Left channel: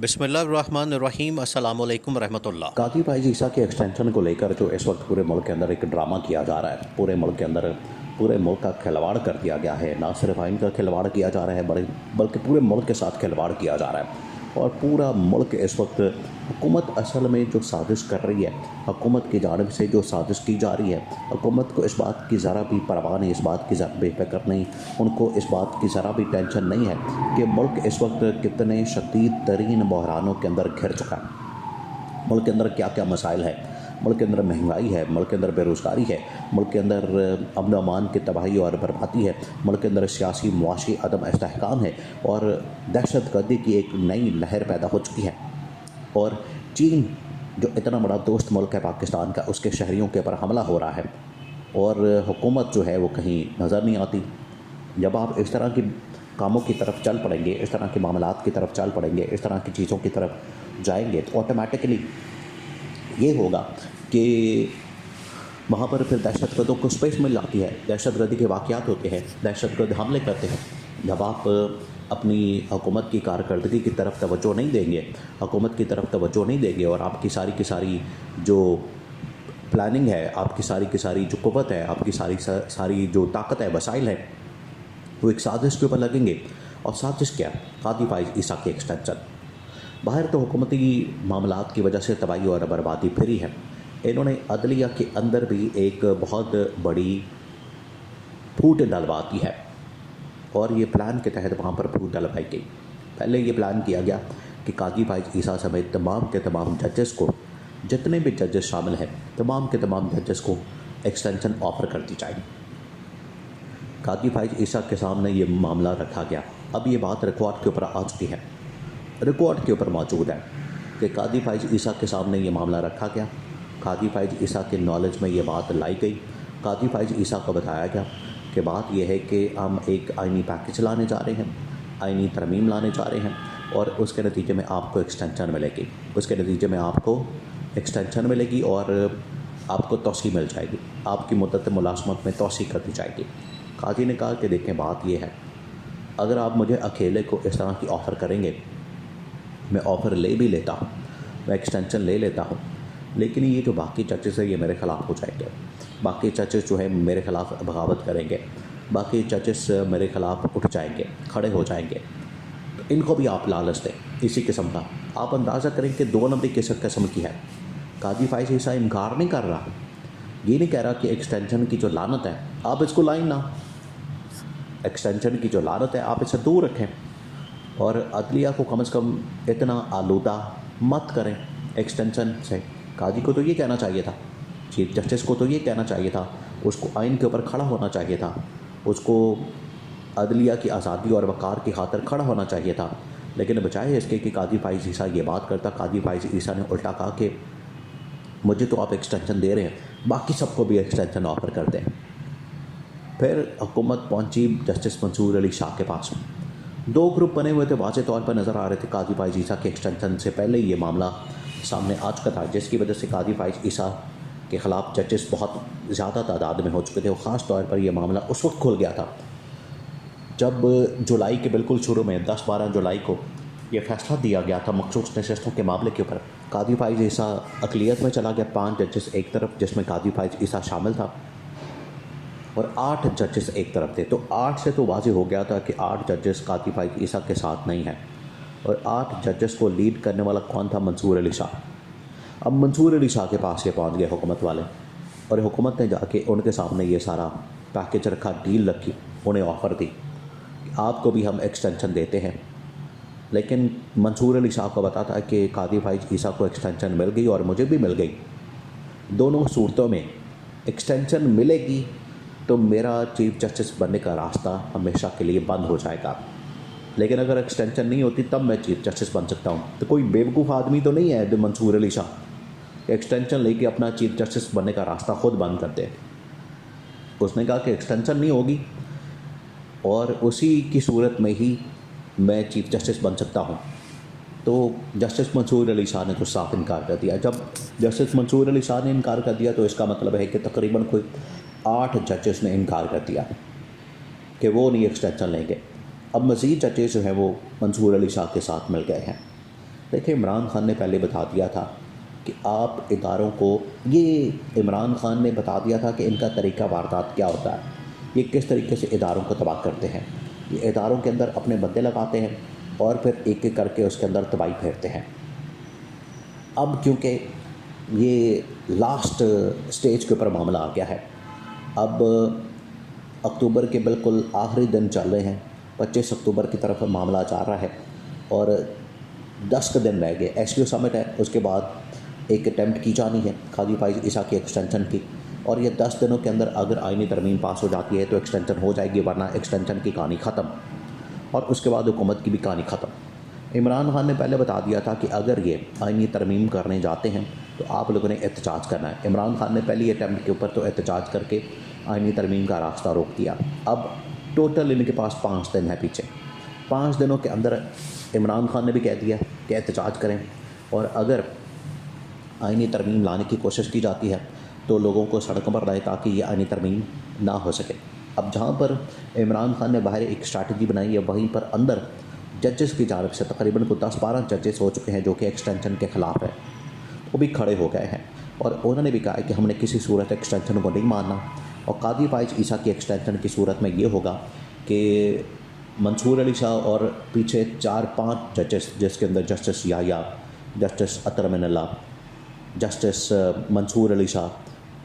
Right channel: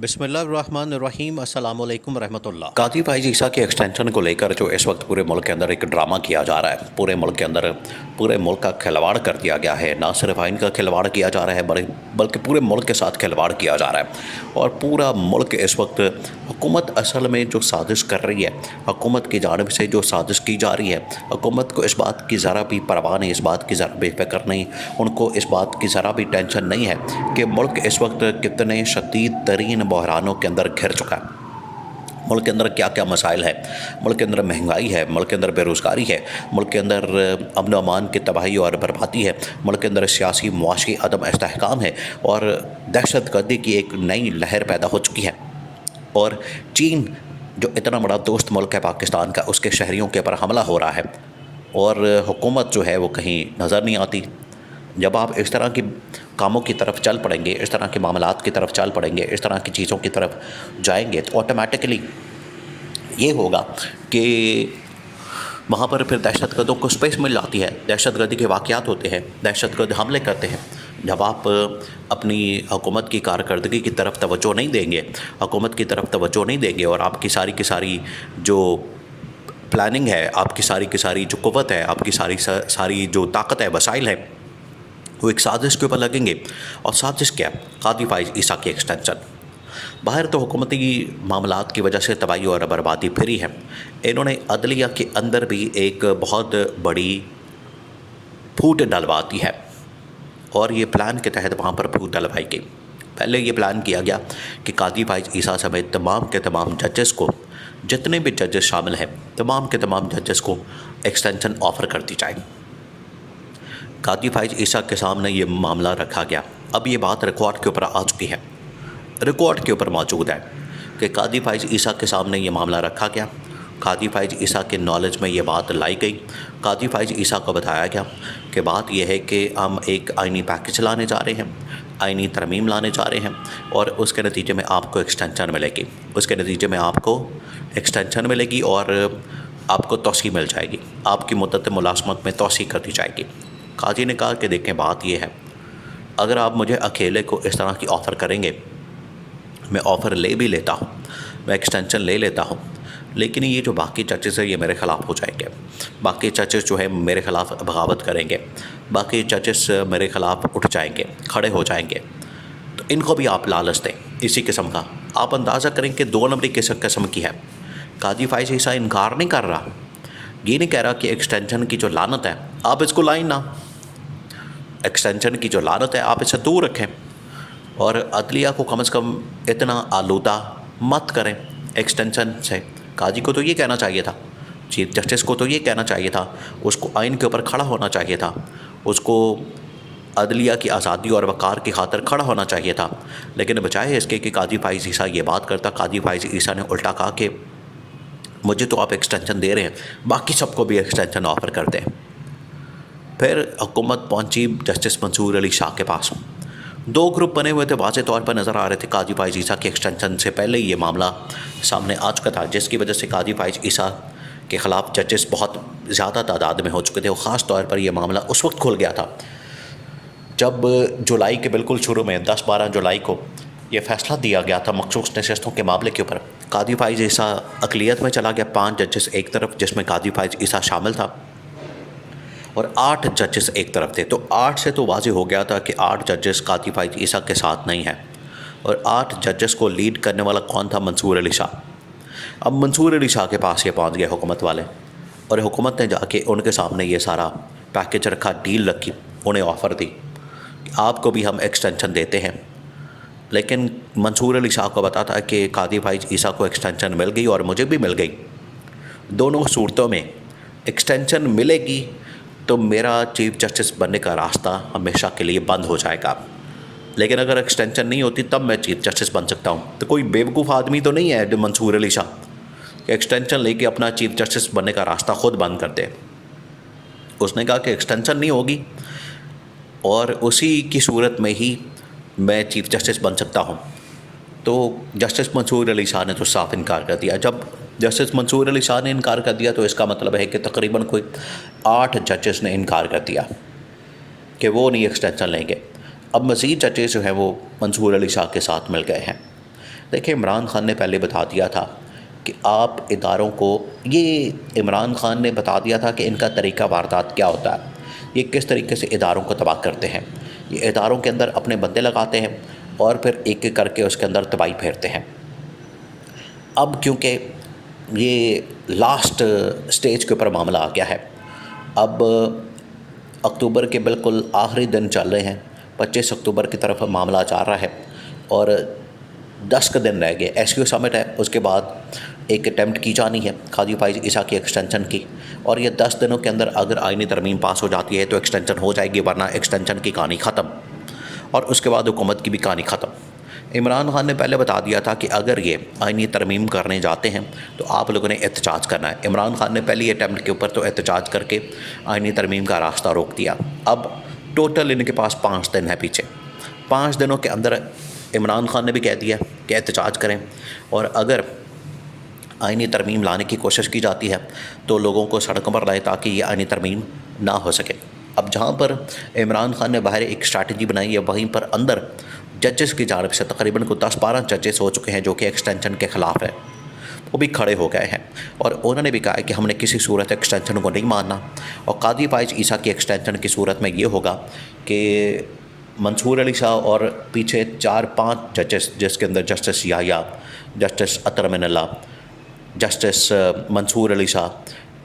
बिस्मिल्लाहिर्रहमानिर्रहीम अस्सलामु अलैकुम रहमतुल्लाह। काजी भाई ईसा के एक्सटेंशन को लेकर जो इस वक्त पूरे मुल्क के अंदर एक ड्रामा किया जा रहा है, पूरे मुल्क के अंदर पूरे मुल्क का खिलवाड़ कर दिया गया है। ना सिर्फ आइन का खिलवाड़ किया जा रहा है बल्कि पूरे मुल्क के साथ खिलवाड़ किया जा रहा है। और पूरा मुल्क इस वक्त हुकूमत असल में जो साजिश कर रही है, हुकूमत की जानिब से जो साजिश की जा रही है, हुकूमत को इस बात की ज़रा भी परवाह नहीं, इस बात की ज़रा बेफिक्र नहीं, उनको इस बात की ज़रा भी टेंशन नहीं है कि मुल्क इस वक्त कितने शदीद तरीन बहरानों के अंदर घिर चुका है। मुल्क के अंदर क्या क्या मसाइल है, मुल्क के अंदर महंगाई है, मुल्क के अंदर बेरोज़गारी है, मुल्क के अंदर अमन अमान की तबाही और बर्बादी है, मुल्क के अंदर सियासी मुआशी अदम इस्तेहकाम है और दहशत गर्दी की एक नई लहर पैदा हो चुकी है। और चीन जो इतना बड़ा दोस्त मुल्क है पाकिस्तान का, उसके शहरियों के ऊपर हमला हो रहा है और हुकूमत जो है वो कहीं नज़र नहीं आती। जब आप इस तरह की कामों की तरफ चल पड़ेंगे, इस तरह के मामलात की तरफ चल पड़ेंगे, इस तरह की चीज़ों की तरफ जाएंगे तो ऑटोमेटिकली ये होगा कि वहाँ पर फिर दहशतगर्दों को स्पेस मिल जाती है। दहशतगर्दी के वाक़यात होते हैं, दहशतगर्द हमले करते हैं। जब आप अपनी हुकूमत की कारकर्दगी की तरफ तवज्जो नहीं देंगे, हुकूमत की तरफ तवज्जो नहीं देंगे और आपकी सारी की सारी जो प्लानिंग है, आपकी सारी की सारी जो क़ुव्वत है, आपकी सारी जो ताकत है, वसाइल है, वो एक साजिश के ऊपर लगेंगे। और साजिश क्या? कादी फाइज ईसा की एक्सटेंशन। बाहर तो हुकूमती मामलात की वजह से तबाही और बर्बादी फिरी है। इन्होंने अदलिया के अंदर भी एक बहुत बड़ी फूट डलवा दी है और ये प्लान के तहत वहाँ पर फूट डलवाई गई। पहले ये प्लान किया गया कि कादी फाइज ईसा समेत तमाम के तमाम जजेस को, जितने भी जजेस शामिल हैं, तमाम के तमाम जजेस को एक्सटेंशन ऑफ़र कर दी जाए। कादी फाइज ईसा के सामने ये मामला रखा गया। अब ये बात रिकॉर्ड के ऊपर आ चुकी है, रिकॉर्ड के ऊपर मौजूद है कि कादी फाइज ईसा के सामने ये मामला रखा गया। कादी फाइज ईसा के नॉलेज में ये बात लाई गई। कादी फाइज ईसा को बताया गया कि बात यह है कि हम एक आइनी पैकेज लाने जा रहे हैं, आइनी तरमीम लाने जा रहे हैं और उसके नतीजे में आपको एक्सटेंशन मिलेगी, उसके नतीजे में आपको एक्सटेंशन मिलेगी और आपको तौसी मिल जाएगी, आपकी मुद्दत मुलाज़मत में तौसी कर दी जाएगी। काजी ने कहा कि देखें, बात यह है, अगर आप मुझे अकेले को इस तरह की ऑफ़र करेंगे, मैं ऑफ़र ले भी लेता हूँ, मैं एक्सटेंशन ले लेता हूँ, लेकिन ये जो बाकी जजेस हैं ये मेरे ख़िलाफ़ हो जाएंगे। बाकी जजेस जो है मेरे ख़िलाफ़ बगावत करेंगे, बाकी जजेस मेरे ख़िलाफ़ उठ जाएंगे, खड़े हो जाएंगे। तो इनको भी आप लालच दें इसी किस्म का। आप अंदाज़ा करें कि 2 नंबरी किस किस्म की है। कादी फाइज ईसा इनकार नहीं कर रहा, ये नहीं कह रहा कि एक्सटेंशन की जो लानत है आप इसको लाएं ना, एक्सटेंशन की जो लानत है आप इसे दूर रखें और अदलिया को कम से कम इतना आलूदा मत करें एक्सटेंशन से। काजी को तो ये कहना चाहिए था, चीफ जस्टिस को तो ये कहना चाहिए था, उसको आइन के ऊपर खड़ा होना चाहिए था, उसको अदलिया की आज़ादी और वक़ार की खातिर खड़ा होना चाहिए था। लेकिन बजाय इसके कि कादी फाइज ईसा ये बात करता, कादी फाइज ईसा ने उल्टा कहा कि मुझे तो आप एक्सटेंशन दे रहे हैं, बाकी सबको भी एक्सटेंशन ऑफ़र कर दें। फिर हुकूमत पहुंची जस्टिस मंसूर अली शाह के पास। 2 ग्रुप बने हुए थे, वाज़े तौर पर नज़र आ रहे थे। कादी फाइज ईसा के एक्सटेंशन से पहले ये मामला सामने आ चुका था, जिसकी वजह से कादी फाइज ईसा के ख़िलाफ़ जजेस बहुत ज़्यादा तादाद में हो चुके थे और ख़ास तौर पर यह मामला उस वक्त खुल गया था जब जुलाई के बिल्कुल शुरू में 10-12 जुलाई को ये फ़ैसला दिया गया था मखसूस नशस्तों के मामले के ऊपर। कादी फाइज ईसा अक़लियत में चला गया, 5 जजेस एक तरफ जिसमें कादी फाइज ईसा शामिल था और 8 जजेस एक तरफ थे। तो 8 से तो वाज़ेह हो गया था कि 8 जजेस कादी फाइज ईसा के साथ नहीं हैं और 8 जजेस को लीड करने वाला कौन था? मंसूर अली शाह। अब मंसूर अली शाह के पास ये पहुंच गए हुकूमत वाले और हुकूमत ने जाके उनके सामने ये सारा पैकेज रखा, डील रखी, उन्हें ऑफ़र दी, आपको भी हम एक्सटेंशन देते हैं। लेकिन मंसूर अली शाह को बताता है कि कादी फाइज ईसा को एक्सटेंशन मिल गई और मुझे भी मिल गई। दोनों सूरतों में एक्सटेंशन मिलेगी तो मेरा चीफ जस्टिस बनने का रास्ता हमेशा के लिए बंद हो जाएगा, लेकिन अगर एक्सटेंशन नहीं होती तब मैं चीफ जस्टिस बन सकता हूँ। तो कोई बेवकूफ़ आदमी तो नहीं है जो मंसूर अली शाह कि एक्सटेंशन लेके अपना चीफ जस्टिस बनने का रास्ता खुद बंद कर दे। उसने कहा कि एक्सटेंशन नहीं होगी और उसी की सूरत में ही मैं चीफ जस्टिस बन सकता हूँ। तो जस्टिस मंसूर अली शाह ने तो साफ इनकार कर दिया। जब जस्टिस मंसूर अली शाह ने इनकार कर दिया तो इसका मतलब है कि तकरीबन कोई 8 जजेस ने इनकार कर दिया कि वो नहीं एक्सटेंशन लेंगे। अब मज़ीद जजेस जो हैं वो मंसूर अली शाह के साथ मिल गए हैं। देखिए, इमरान खान ने पहले बता दिया था कि आप इदारों को, ये इमरान खान ने बता दिया था कि इनका तरीका वारदात क्या होता है, ये किस तरीके से इदारों को तबाह करते हैं। ये इदारों के अंदर अपने बंदे लगाते हैं और फिर एक एक करके उसके अंदर तबाही फेरते हैं। अब क्योंकि ये लास्ट स्टेज के ऊपर मामला आ गया है, अब अक्टूबर के बिल्कुल आखिरी दिन चल रहे हैं, 25 अक्टूबर की तरफ मामला जा रहा है और 10 दिन रह गए। एसक्यू समिट है, उसके बाद एक अटैम्प्ट की जानी है काजी फाइज ईसा की एक्सटेंशन की, और ये 10 दिनों के अंदर अगर आईनी तरमीम पास हो जाती है तो एक्सटेंशन हो जाएगी, वरना एक्सटेंशन की कहानी ख़त्म और उसके बाद हुकूमत की भी कहानी ख़त्म। इमरान खान ने पहले बता दिया था कि अगर ये आईनी तरमीम करने जाते हैं तो आप लोगों ने एहतजाज करना है। इमरान खान ने पहली अटैम्प्ट के ऊपर तो एहतजाज करके आईनी तरमीम का रास्ता रोक दिया। अब टोटल इनके पास 5 दिन है पीछे। 5 दिनों के अंदर इमरान खान ने भी कह दिया कि एहतजाज करें, और अगर आईनी तरमीम लाने की कोशिश की जाती है तो लोगों को सड़कों पर लाए ताकि ये आईनी तरमीम ना हो सके। अब जहाँ पर इमरान खान ने बाहर एक स्ट्रैटेजी बनाई है, वहीं पर अंदर जजेस की जानिब से तकरीबन को 10-12 जजेस हो चुके हैं जो कि एक्सटेंशन के ख़िलाफ़ है, वो भी खड़े हो गए हैं और उन्होंने भी कहा है कि हमने किसी सूरत एक्सटेंशन को नहीं मानना। और काजी फाइज ईसा की एक्सटेंशन की सूरत में ये होगा कि मंसूर अली शाह और पीछे 4-5 जजेस, जिसके अंदर जस्टिस याया, जस्टिस अतर मिनल्ला, जस्टिस मंसूर अली शाह,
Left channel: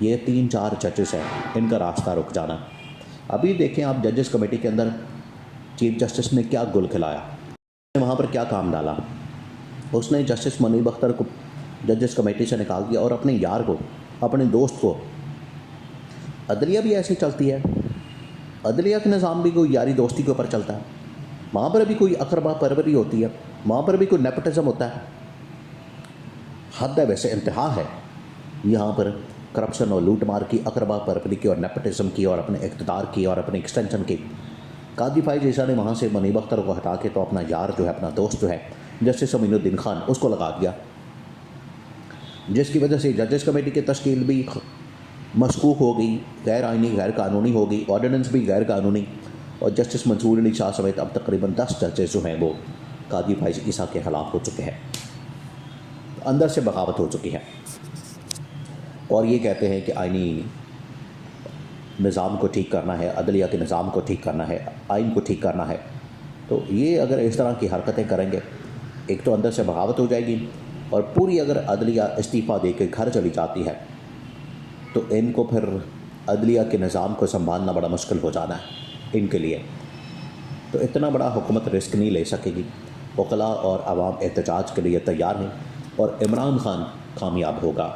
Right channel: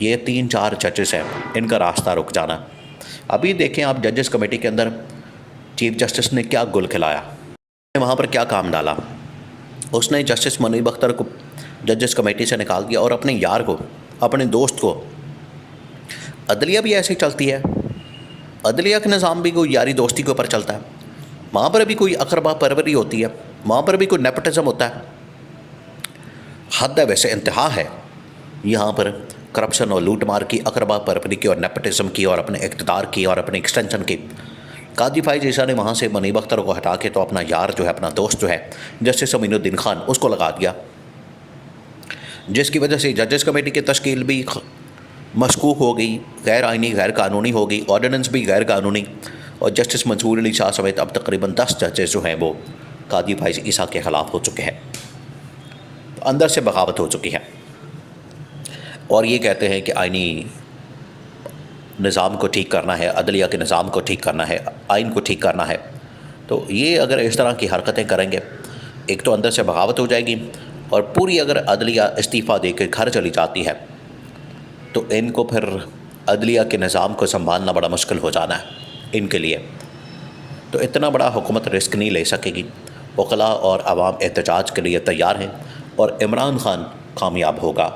ये 3-4 जजेस हैं, इनका रास्ता रुक जाना। अभी देखें आप जजेस कमेटी के अंदर चीफ जस्टिस ने क्या गुल खिलाया, वहाँ पर क्या काम डाला। उसने जस्टिस मुनीब अख्तर को जजेस कमेटी से निकाल दिया और अपने यार को, अपने दोस्त को, अदलिया भी ऐसे ही चलती है, अदलिया का निज़ाम भी कोई यारी दोस्ती के ऊपर चलता है, वहाँ पर भी कोई अकरबा परवरी होती है, वहाँ पर भी कोई नेपोटिज्म होता है। हद है, वैसे इंतहा है यहाँ पर करप्शन और लूट मार की, अकरबा परवरी की और नेपोटिज्म की और अपने इक़्तिदार की और अपने एक्सटेंशन की। काजी फाइज ईसा ने वहाँ से मुनीब अख्तर को हटा के तो अपना यार जो है, अपना दोस्त जो है जस्टिस अमीनुद्दीन खान, उसको लगा दिया, जिसकी वजह से जजेस कमेटी की तश्कील भी मशकूक हो गई, गैर आइनी, गैर कानूनी हो गई, ऑर्डिनेंस भी गैर कानूनी, और जस्टिस मंसूर अली शाह समेत अब तकरीबन 10 जजेस जो हैं वो काजी फाइज ईसा के ख़िलाफ़ हो चुके हैं, अंदर से बगावत हो चुकी है और ये कहते हैं कि आइनी निज़ाम को ठीक करना है, अदलिया के निज़ाम को ठीक करना है, आइन को ठीक करना है। तो ये अगर इस तरह की हरकतें करेंगे, एक तो अंदर से बगावत हो जाएगी और पूरी अगर अदलिया इस्तीफ़ा दे के घर चली जाती है तो इनको फिर अदलिया के निज़ाम को संभालना बड़ा मुश्किल हो जाना है इनके लिए। तो इतना बड़ा हुकूमत रिस्क नहीं ले सकेगी। वकला और आवाम एहतजाज के लिए तैयार हैं और इमरान खान कामयाब होगा।